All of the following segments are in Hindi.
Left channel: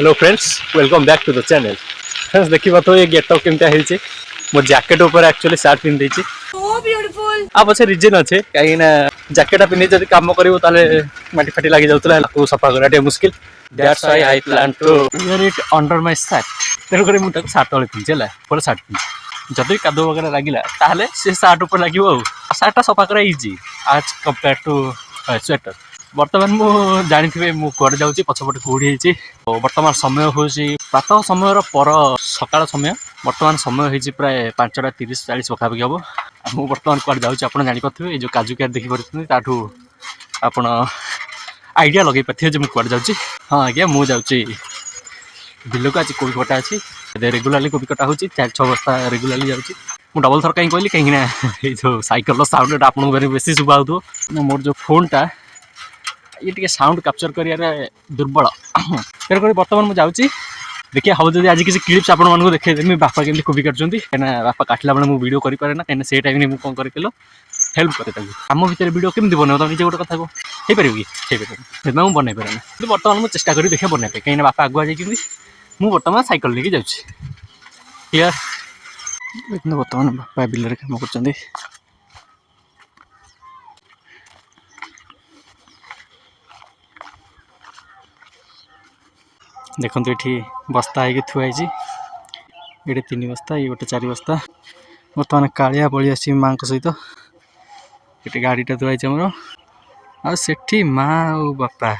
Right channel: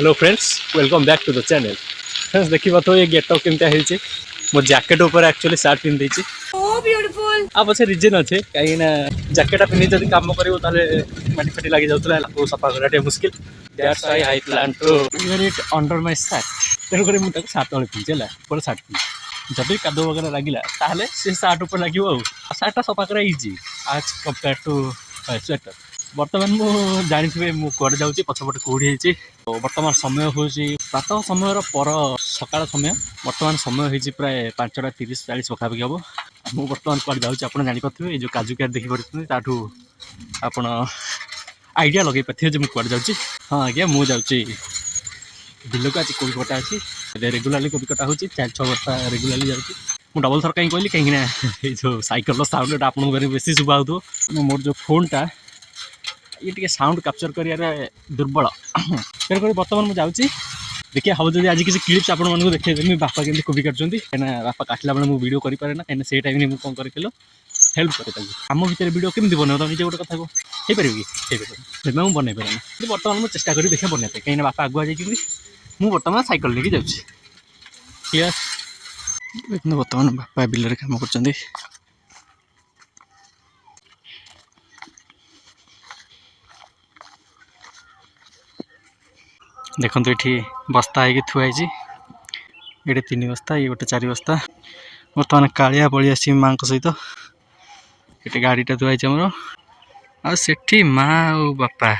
Hello friends, welcome back to the channel. Friends देखिए तो ये गेटअप केमता है मो जैकेट ऊपर एक्चुअली शर्ट पिन देछि सो ब्यूटीफुल। अब अच्छे रीजन अच्छे कहीं ना जैकेट पिन जब काम करिवो ताले माटी फाटी लागि जाउतला को सफा करा मुश्किल। That's why I plan to wear it under my shirt. तेरे करे मु तक शर्ट वाले पिन चला पर शर्ट पिन जदि कादो वगैरह लागिला ताले से शर्ट ऊपर लागिवो शर्ट सफा करा इजी आज कंपेयर टू स्वेटर। बर्तमान मु जानी मु कुआडे जाऊँगी पछपटे कौड़ी बर्तमान समय हूँ प्रातः समय पर सकाल समय बर्तमान समय हो प्राय 5टा 30-40 पखापाखि हम मुझे बर्तमान कुआडे जाऊँगी आप जापे जो काजू केयर देखिपे ताठू आप आइडिया लगे पारे जो मुझे कुआडे जाऊँगी। हाँ आज्ञा मुझे जाऊँगी बिल को आज कोबी कटा अच्छी रेगुलाली कोबी कटा हो 4-6 बस्ता रेगुलाली जाऊँगी। मुझे डबल थर कहीं कहली कहीं जो सैकल साउंड आप बेसी शुभा हो मोर जो फोनटा ये टे साउंड कैप्चर कर दुर्बल तेणुक बर्तमान मुझे जाऊँगी देखिए हम जब आज किसी क्लिप्स आप देखेदेमी बापा केमी कोबी काटुँच कहीं बापा काटला बेले मुझे वीडियो करें ना कहीं से टाइम में कौन कर हेल्प करे आम भितर वीडियो केमी बनव तुम निजे गोटे कथा हो पार कि मुझे बनई पारे कि बर्तमान मुझे चेष्टा करी देखिए बनवाई कहीं बापा आगुआ जाइए मुझे बर्तमान साइकिल लेके जाऊँगी बर्तमान बापा बिल कम कर देखो ये बस्ता है थुआई ये 3 बस्ता ये गोटे 4 बस्ता बर्तमान कालिया पलि आस माँ सहित ये गाड़ीटा थुआई आमर आठी माँ और बापा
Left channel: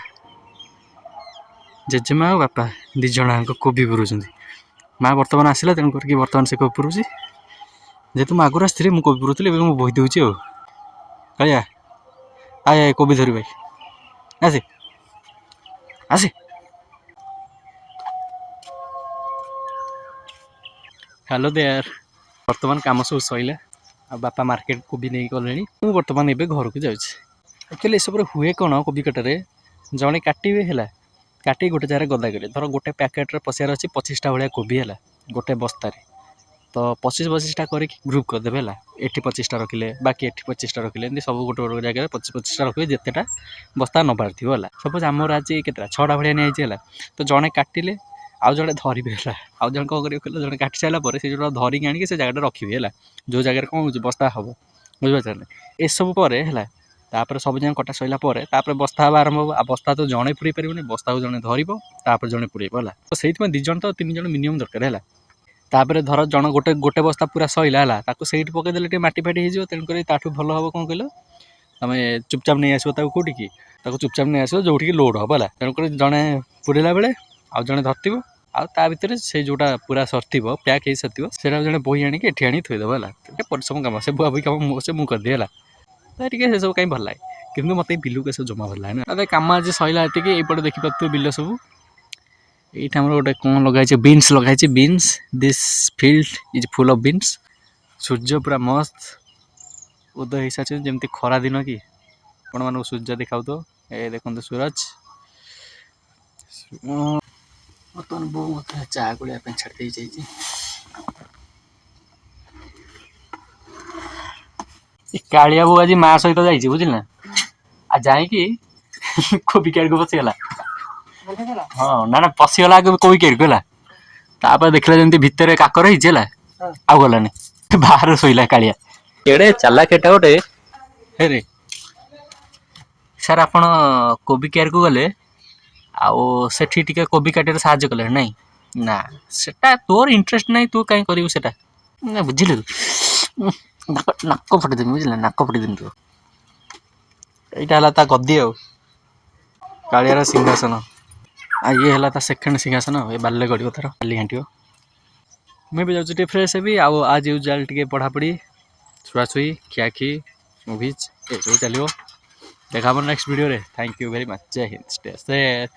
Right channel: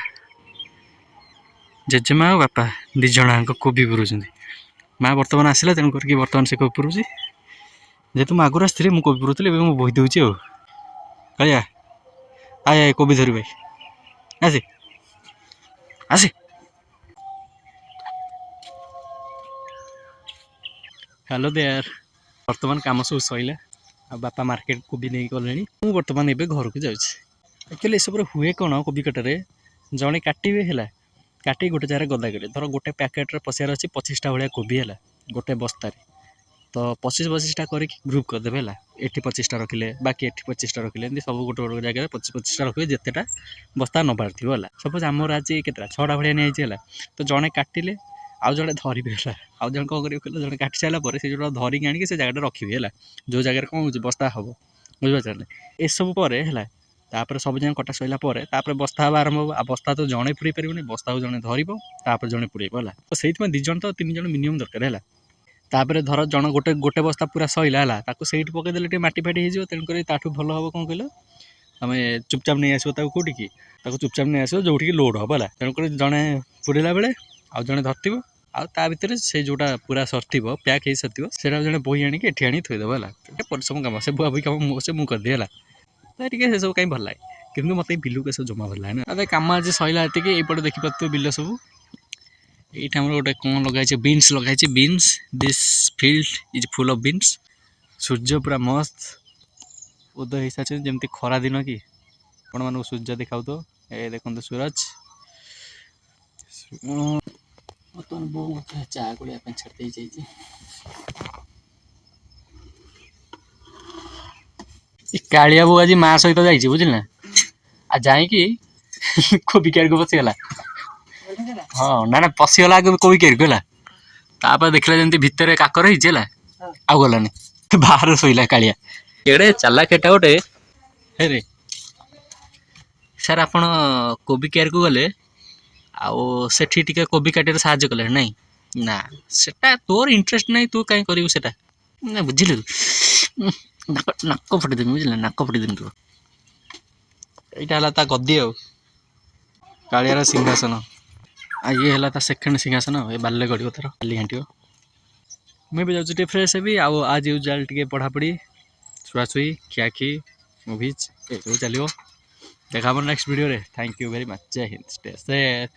जेजेमा और बापा दिज कोबी पुरों माँ बर्तमान आसला तेणुक बर्तमान से कोबी पुरुष जेहेतु मुझे आगुरी आसती मुझे कोबी पुरुली मुझे बोही दूसरी कालिया आए कोबी धरी भाई आसे आसे हेलो देयर बर्तमान कम सब सैला आ बापा मार्केट को भी नहीं गले मुझे बर्तमान ये घर को जाऊँगी एक्चुअली सब हुए कौन कोबी कटारे जड़े काटे है काटी गोटे जगह गदा गले धर गोटे पैकेट्रे पशियार अच्छी 25टा भाया कोबी है गोटे बस्तार तो 25-25टा कर ग्रुप करदे है ये 25टा रखिले बाकी ये 25टा रखिले एमती सब गोटे गोटे जगह 25-25टा रखिले जितेटा बस्ता नबार थी है सपोज आमर आज के 6टा भाया नहीं तो जड़े काटिले आउ जड़े धरवे है आउ जन कौन करेंगे जड़े काटी सारापर से जो धरिक आनिक से जगह रखिए है जो जगह कौन हो बस्ता हम बुझे ये सब पर है तापर सब जन कटा सैला बस्ता हम आरंभ हो बस्ता तो जड़े पुरे पारे बस्ता को जड़े धरब जड़े पुरेब है तो से 2 जन तो 3 जन मिनिमम दरकार है तापर धर जन गोटे गोटे बस्ता पूरा सैला है से पकईदे मटी फाटी हो तेणुक ताठू भल हम कौन कह तुम चुपचाप नहीं आसो कौटी की चुपचाप नहीं आसो जो लोड हम है तेणुक जड़े पुरेला बेले आउ जड़े धरव आ भितर से जोटा पूरा सरथ पैक हो सारी से जड़े बोही आणिक एठी आनी थोदेव है परिश्रम कम से बुआ बुई कम से मुझे करदिए है सब कहीं भल लगे कि मत बिलू के सब जमा भल लगे ना कम आज सैला ये देखिपे बिल सब ये गोटे कौन लगे बीन्स लगे beans this field is full of beans सूर्य पूरा मस्त उदय हो सारी जमी खरा दिन कि आपण मानक सूर्य देखा तो ये देखते सूरज बर्तमान बो मत चा गोलिया छाड़ी जाइए कालिया बो आज माँ सहित जाइए बुझल आ जाकि कोबी क्यार को पशिगला हाँ ना ना पशिगला कोबी क्यार को है देखला जमी भितर काकर है आ गलानी बाहर शोला कालिया एड़े चाला केटा गोटे हे सर आप कोबी केयर को गले आठी टे कोबी काटे साहय कले ना ना सेटा तोर इंटरेस्ट ना तू कहीं करू से बुझिल नाक फटेदेमी बुझे नाक फटेदेमी तू यहाँ गद्दी कालियार सिंहासन आ ये है सेकेंड सिंहासन ये बाले गड़ो तार खाली घाट मैं भी जाऊँ फ्रेश भी आज यूजुआल टे पढ़ापढ़ी छुआछुई खियाखी मुवीज ये सब चलो देखा नेक्स्ट वीडियो रे। Thank you very much. जय हिंद। Stay safe.